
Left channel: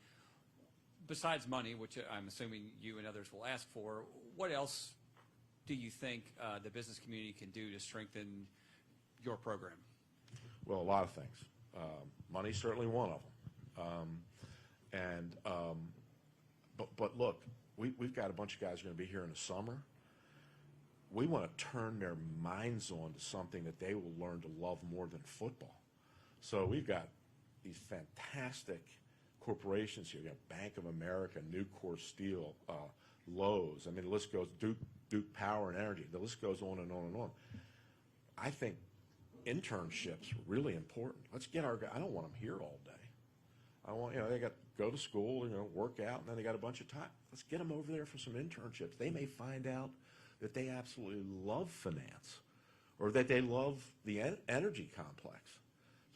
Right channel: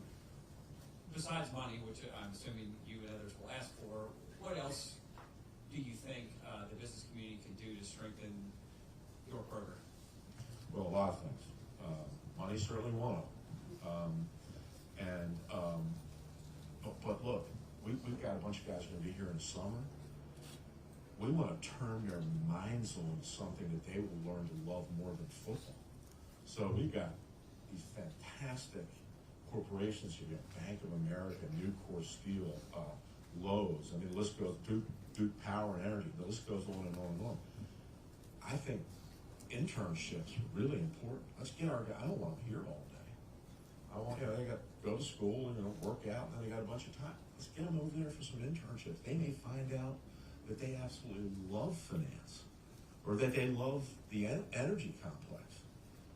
Besides money, which I'm assuming you and others will ask for, what else do you think the business community can do to strengthen your program? Well, a lot of things. Money's certainly one of them. But look, we've got a bunch of guys going to be here in the summer. We want to turn their minds on something that they will learn to love more than football. So we've got these fantastic corporations here. We have Bank of America, Nucor Steel, Lowe's. I mean, the list goes, Duke Power and Energy. The list goes on and on and on. I think internships are really important. Let's get our guys. I don't want them here all day. They got to go to school and work out, and then they got a bunch of time. Let's get them over there for some internships. They may find out that they absolutely love finance, or that they love the energy complex.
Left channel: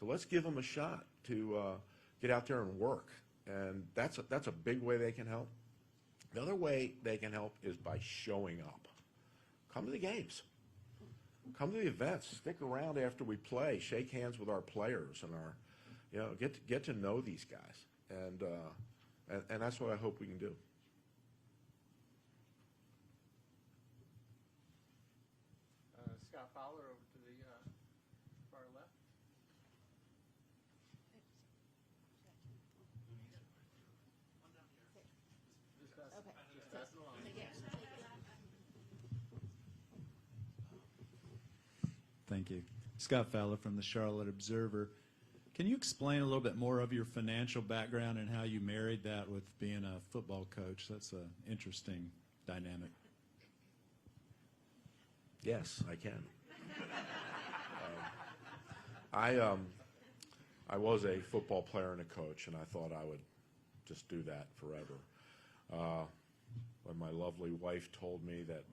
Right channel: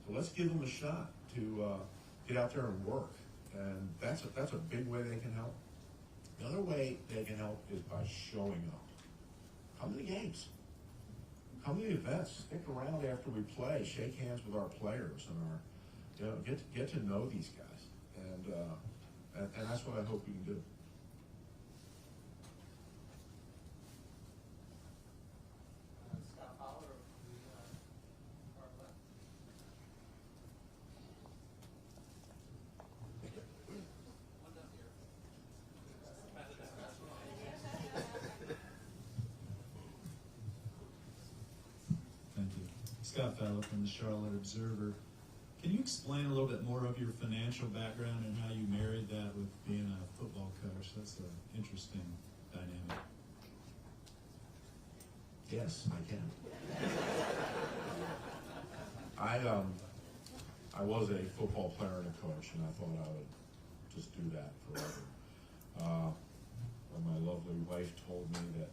So let's give them a shot to get out there and work, and that's a big way they can help. The other way they can help is by showing up. Come to the games. Come to the events. Stick around after we play. Shake hands with our players and get to know these guys. And that's what I hope we can do. Scott Fowler of the far left. Thank you. Scott Fowler from the Charlotte Observer. Can you explain a little bit more of your financial background and how you married that with being a football coach? That's an interesting dynamic. Yes, I can. I was a football player and a coach, and I thought I would just do that forever. When my lovely wife told me that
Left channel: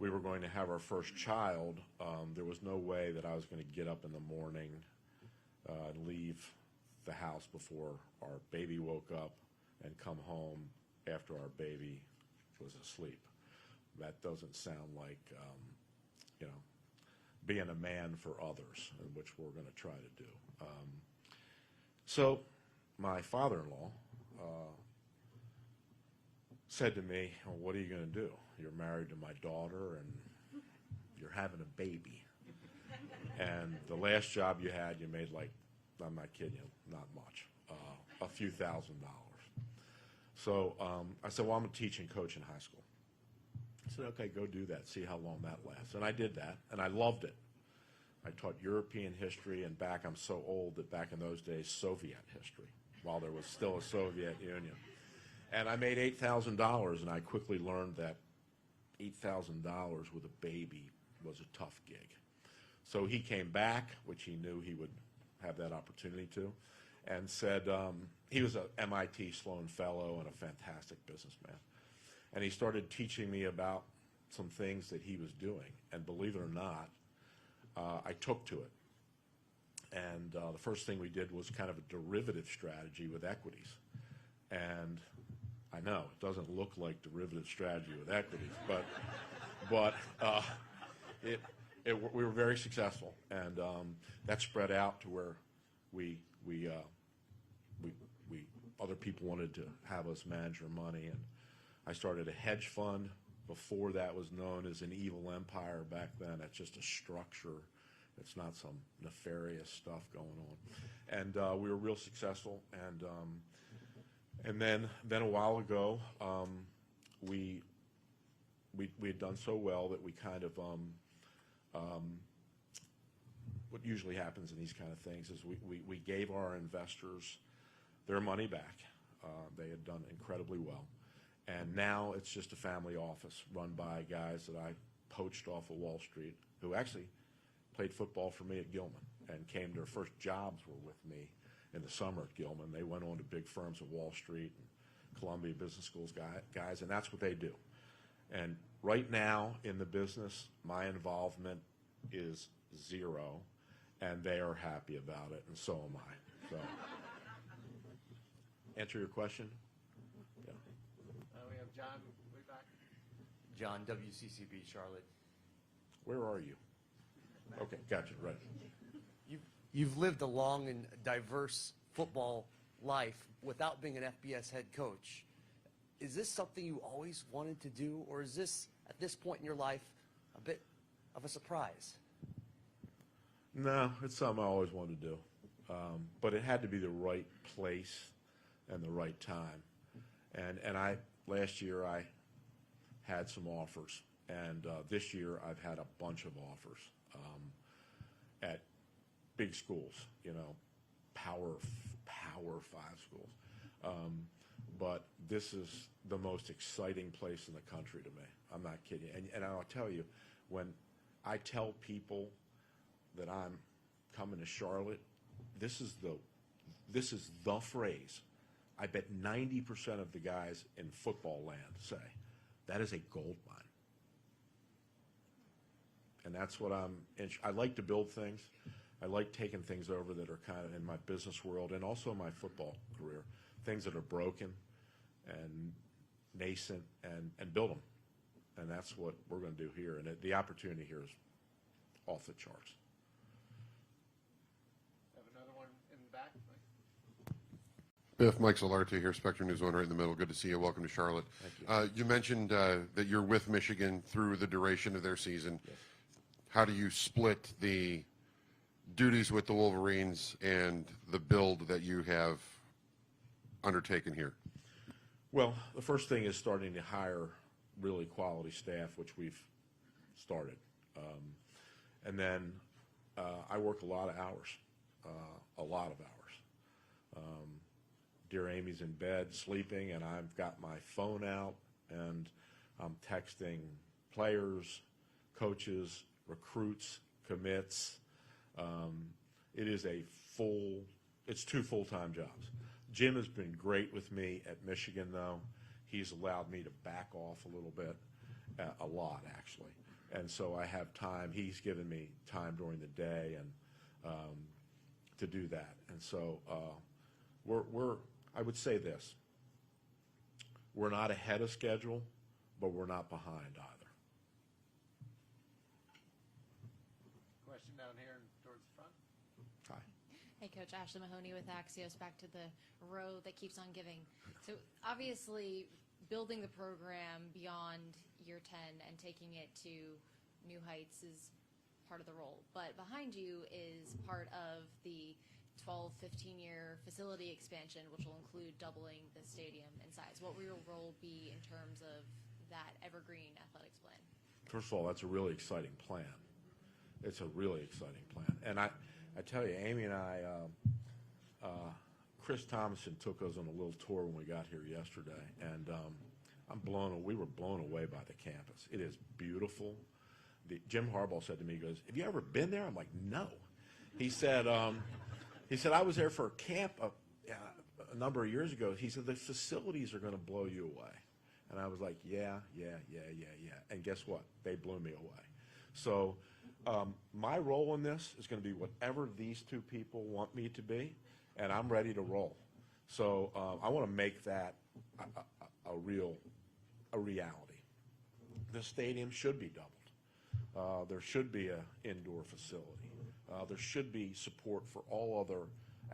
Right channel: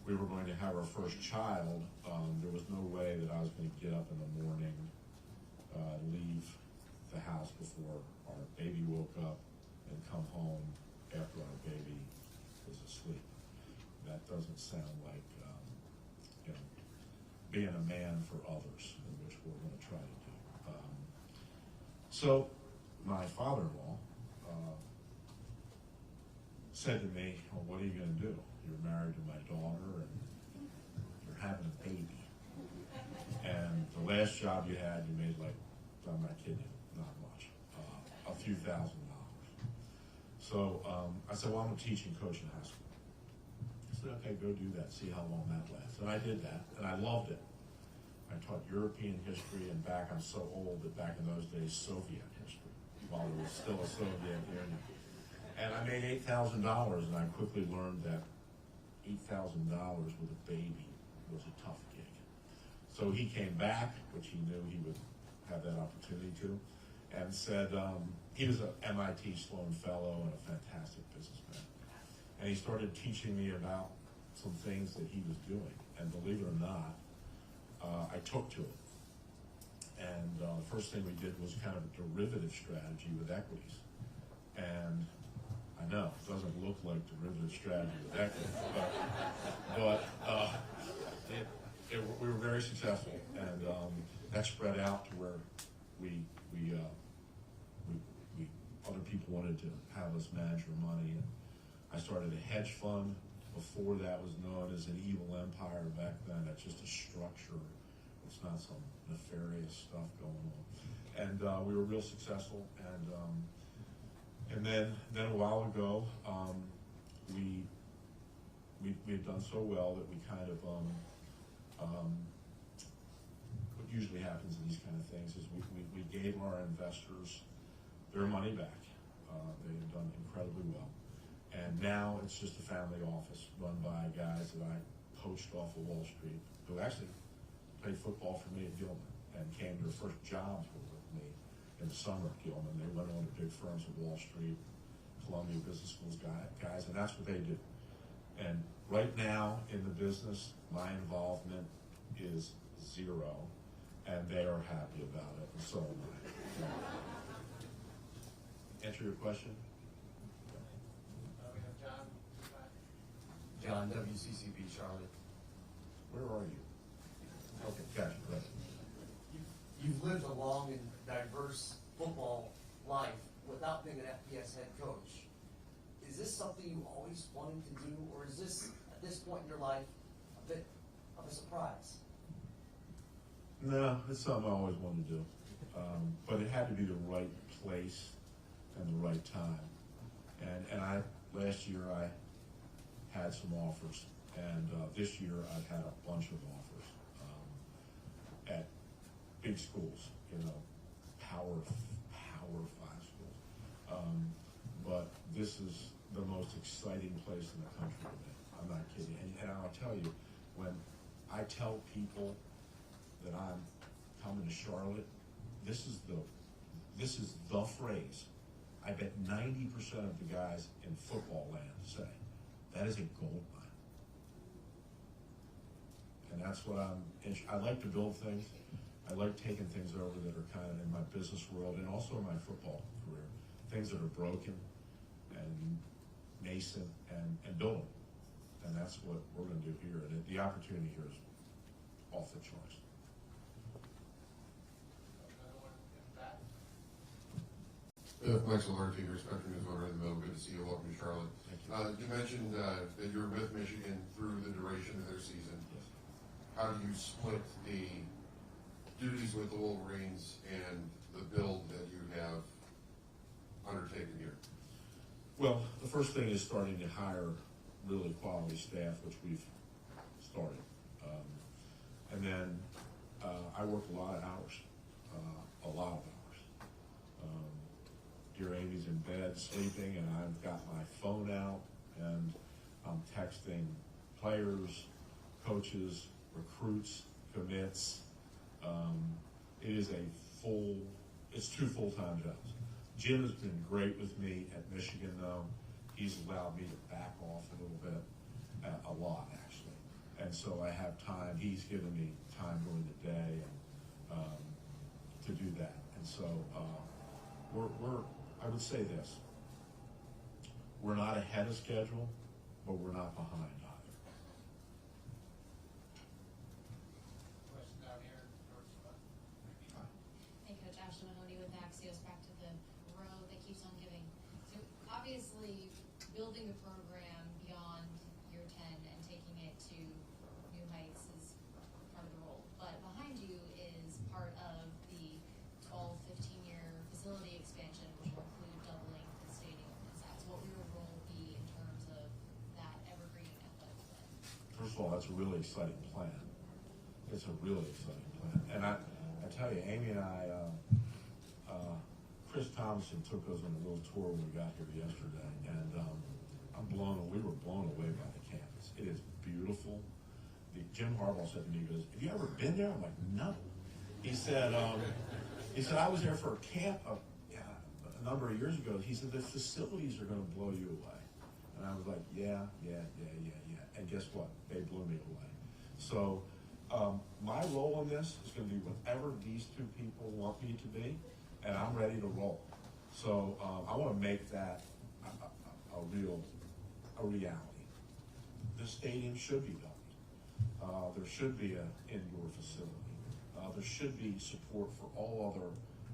we were going to have our first child, there was no way that I was going to get up in the morning, leave the house before our baby woke up, and come home after our baby was asleep. That doesn't sound like being a man for others, which we're going to try to do. So my father-in-law said to me, well, what are you going to do? You're married to my daughter and you're having a baby. And the last job you had, you made like, I'm not kidding you, not much, a few $1,000s. So I said, well, I'm a teaching coach in high school. I said, okay, go do that, see how long that lasts. And I did that, and I loved it. I taught European history, and I'm so old that back in those days, Soviet history, while there was still a Soviet Union. And I made $8,000, and I quickly learned that $8,000 with a baby was a tough gig. So he came back, which he knew he would have that opportunity to, and said he was an MIT Sloan Fellow and a fantastic businessman. And he started teaching me about some things that he was doing. And believe it or not, I took to it. And the first thing we did was kind of a derivative strategy with equities. And I know it doesn't look like derivative strategy with equities, but we were very successful. And that spread out to where other people wanted to have us manage our money. And I started a hedge fund. Before that was known as an evil empire back then. It's just a structure. It's not some nefarious stuff going on. and we were real successful. And then a while ago, we had done so well that we kind of what usually happens in these kind of things is we gave our investors their money back. They had done incredibly well. And now it's just a family office run by guys that I poached off of Wall Street, who actually played football for me at Gilman and came to their first jobs were with me in the summer at Gilman. They went on to big firms at Wall Street, Columbia Business Schools guys, and that's what they do. And right now in the business, my involvement is zero, and they are happy about it, and so am I. So, answer your question? We have John. John, WCCB, Charlotte. Where are you? Okay, gotcha, right. You've lived a long and diverse football life without being an FBS head coach. Is this something you always wanted to do, or is this, at this point in your life, a bit of a surprise? No, it's something I always wanted to do. But it had to be the right place and the right time. And last year I had some offers, and this year I've had a bunch of offers at big schools, Power 5 schools. But this is the most exciting place in the country to me. I'm not kidding. And I'll tell you, when I tell people that I'm coming to Charlotte, this is the phrase. I bet 90% of the guys in football land say that is a gold mine. And that's what I like to build things. I like taking things over that are kind of in my business world and also my football career, things that are broken and nascent and build them. And that's what we're going to do here. And the opportunity here is off the charts. Another one in the back. Biff, Mike Solarte here, Spectrum News 1 right in the middle. Good to see you. Welcome to Charlotte. You mentioned that you're with Michigan through the duration of their season. How do you split the duties with the Wolverines and the build that you have undertaken here? Well, the first thing is starting to hire really quality staff, which we've started. And then I worked a lot of hours. Dear Amy's in bed sleeping, and I've got my phone out, and I'm texting players, coaches, recruits, commits. It is it's 2 full-time jobs. Jim has been great with me at Michigan, though. He's allowed me to back off a little bit, a lot, actually. And so I have time. He's given me time during the day to do that. And so I would say this. We're not ahead of schedule, but we're not behind either. Question down here towards the front. Hi. Hey, Coach Ashley Mahoney with Axios. Back to the road that keeps on giving. So obviously, building the program beyond year 10 and taking it to new heights is part of the role. But behind you is part of the 12, 15-year facility expansion, which will include doubling the stadium in size. What will your role be in terms of that evergreen athletic plan? First of all, that's a really exciting plan. It's a really exciting plan. And I tell you, Amy and I, Chris Thompson took us on a little tour when we got here yesterday, and we were blown away by the campus. It is beautiful. Jim Harbaugh said to me, he goes, "Have you ever been there?" I'm like, "No." He said, "I was there for a camp a number of years ago." He said, "The facilities are going to blow you away." And I was like, yeah. And guess what? They blew me away. So my role in this is going to be whatever these two people want me to be, and I'm ready to roll. So I want to make that a reality. The stadium should be doubled. There should be an indoor facility. There should be support for all other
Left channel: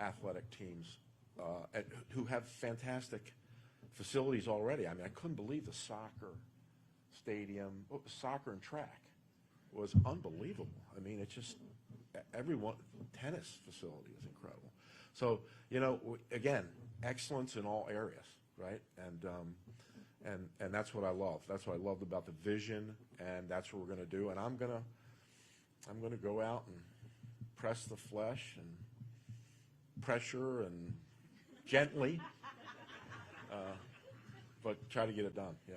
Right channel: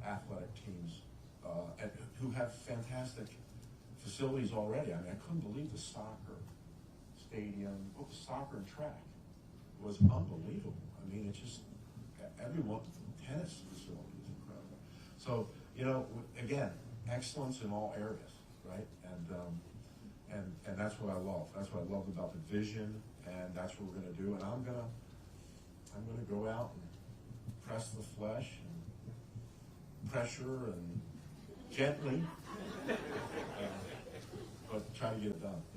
athletic teams and who have fantastic facilities already. I mean, I couldn't believe the soccer stadium, soccer and track was unbelievable. I mean, it's just everyone, tennis facility was incredible. So, you know, again, excellence in all areas, right? And that's what I love. That's what I love about the vision, and that's what we're going to do. And I'm gonna go out and press the flesh and pressure and gently, but try to get it done.